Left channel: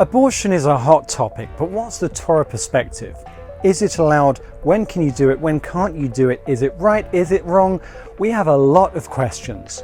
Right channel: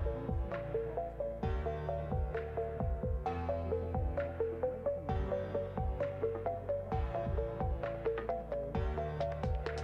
Abortion is a hot topic, but what's the Torah perspective? Is it allowed? When can you do it? When can't you do it? Is it right? Is it wrong? We have a lot of questions.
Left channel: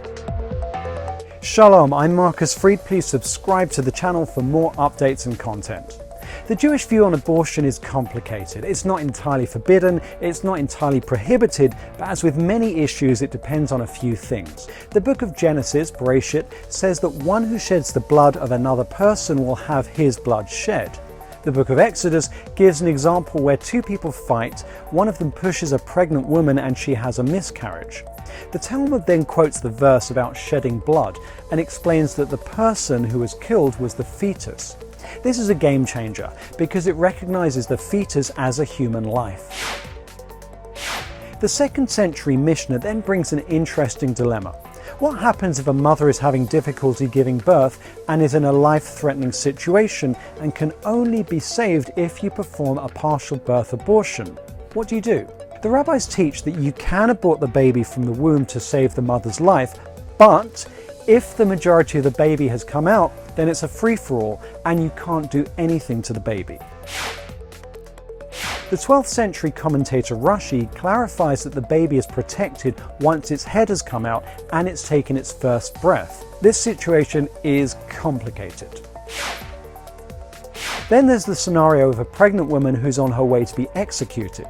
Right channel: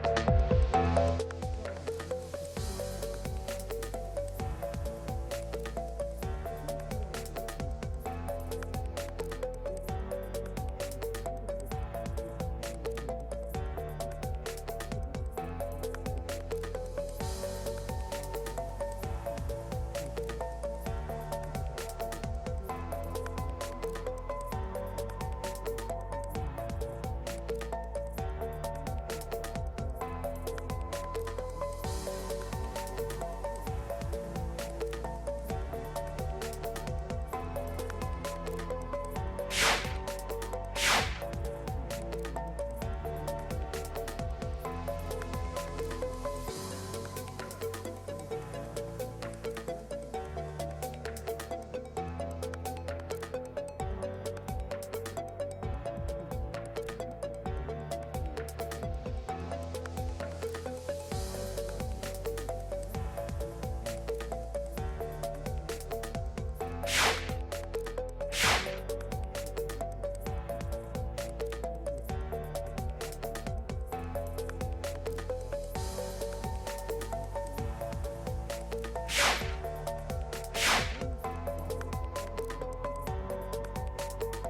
Shalom, I'm Marcus Fried. Please subscribe to the channel for more updates and content. The Jewish view on abortion is complicated. It's not entirely forbidden, it's not entirely prohibited, but as with many issues, it depends on a few things. The book of Genesis, Bereshit, says that one who sheds the blood of another person will have his blood shed. The book of Exodus gives an example where two people fight, one of them pushes a pregnant woman and she has a miscarriage. The Talmud then quotes the verse about shedding blood and explains that the person who was killed was the fetus. This is a game changer because it recognizes the fetus as a human life. The 2nd century Mishnah then brings an interesting dilemma. What happens if a mother is having difficulty giving birth and is in a life-threatening situation and can only be saved if you perform a partial birth abortion? What do you do? The rabbis teach that you can abort the baby from the womb to save the mother's life, but if the majority of the baby has come out, then it's a free-for-all and you can't do anything to the baby. The 12th century commentator Rashi clarifies that the baby is protected once its head has come out and it's taken its first breath. This situation is complicated. Then there's the scenario of a pregnant woman who's on her way to be executed.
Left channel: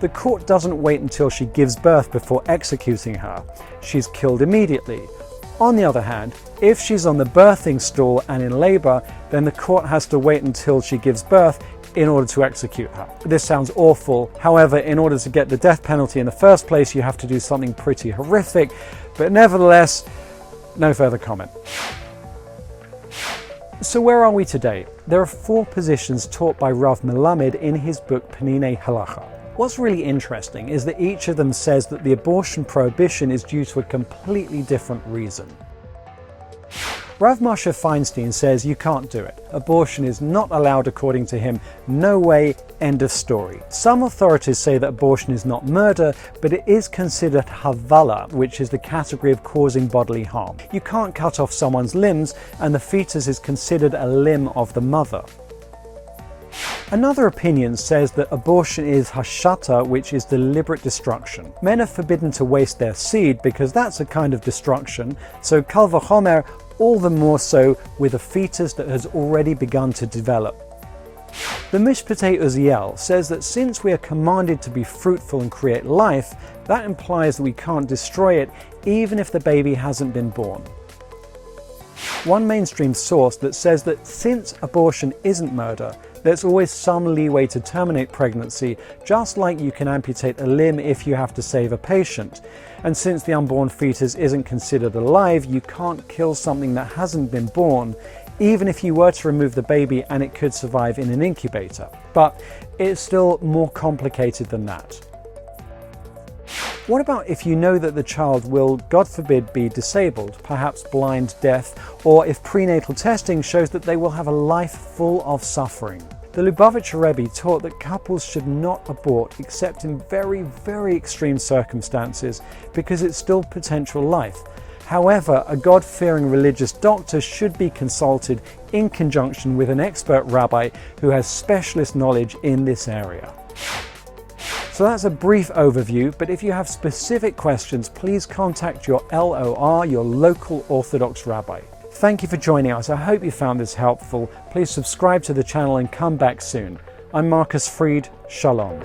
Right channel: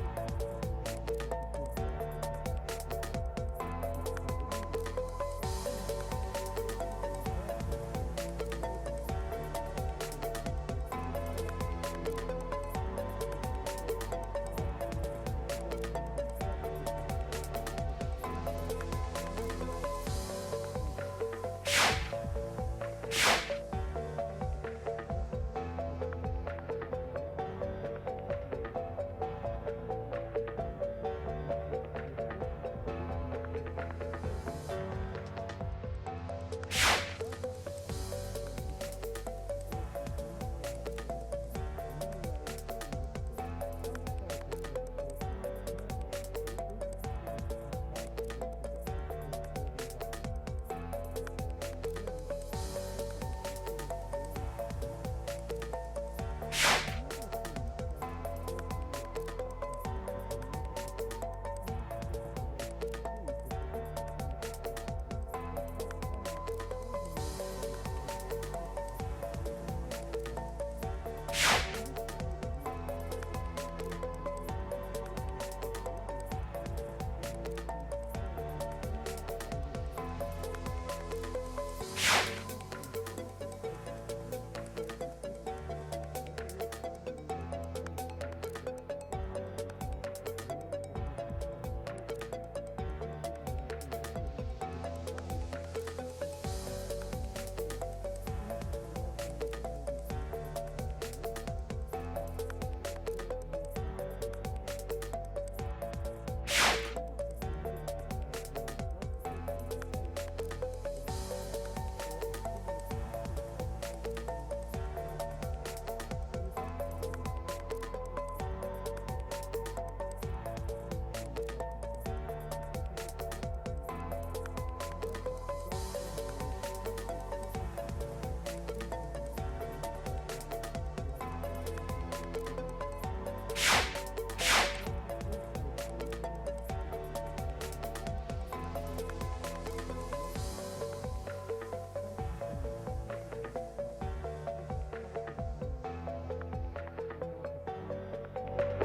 The court doesn't wait until she gives birth before executing her. She's killed immediately. On the other hand, if she's on the birthing stool and in labor, then the court has to wait until she gives birth in order to execute her. This sounds awful. However, in order to get the death penalty in the first place, you have to do something pretty horrific. But nevertheless, no further comment. So where are we today? There are 4 positions taught by Rav Melamed in his book Peninei Halacha. What's really interesting is that each of them says that the abortion prohibition is due to a completely different reason. Rav Moshe Feinstein says you can't do it. Abortion is not allowed according to him. No way, end of story. Some authorities say that abortion is not murder, but it is considered havala, which is the category of causing bodily harm. You can't cut off someone's limbs, and the fetus is considered a limb of the mother. Another opinion says that abortion is hashata, which is deliberate destruction. Men are forbidden to waste their seed because that's a kind of destruction, so kal vachomer, all the more so with a fetus that has already begun to develop. The Mishpatei Uziel says that since we are commanded to be fruitful and create life, that implies that we can't destroy it even if the baby hasn't been born. One mainstream source that says that since abortion isn't murder, there's always some leeway to terminate pregnancy, just like you can amputate a limb if you have to save a patient. And since the unborn fetus isn't considered alive, you can't kill something that hasn't been born, even if you were to remove the baby and it could survive in an incubator. But it's still more complicated than that. What about if you know that the child will, God forbid, be disabled, perhaps blind, deaf, or if prenatal testing shows that they will have a life full of suffering? The Lubavitcher Rebbe taught that couples should not abort except in very, very extreme circumstances because it's still potential life. However, a God-fearing religious doctor should be consulted in conjunction with an expert rabbi who has specialist knowledge in this area. So that's a brief overview, but if you have specific questions, please contact your LOR, your local Orthodox rabbi. Thank you for joining us. I hope you found this helpful. Please subscribe to the channel and come back soon. I'm Marcus Fried. Shalom.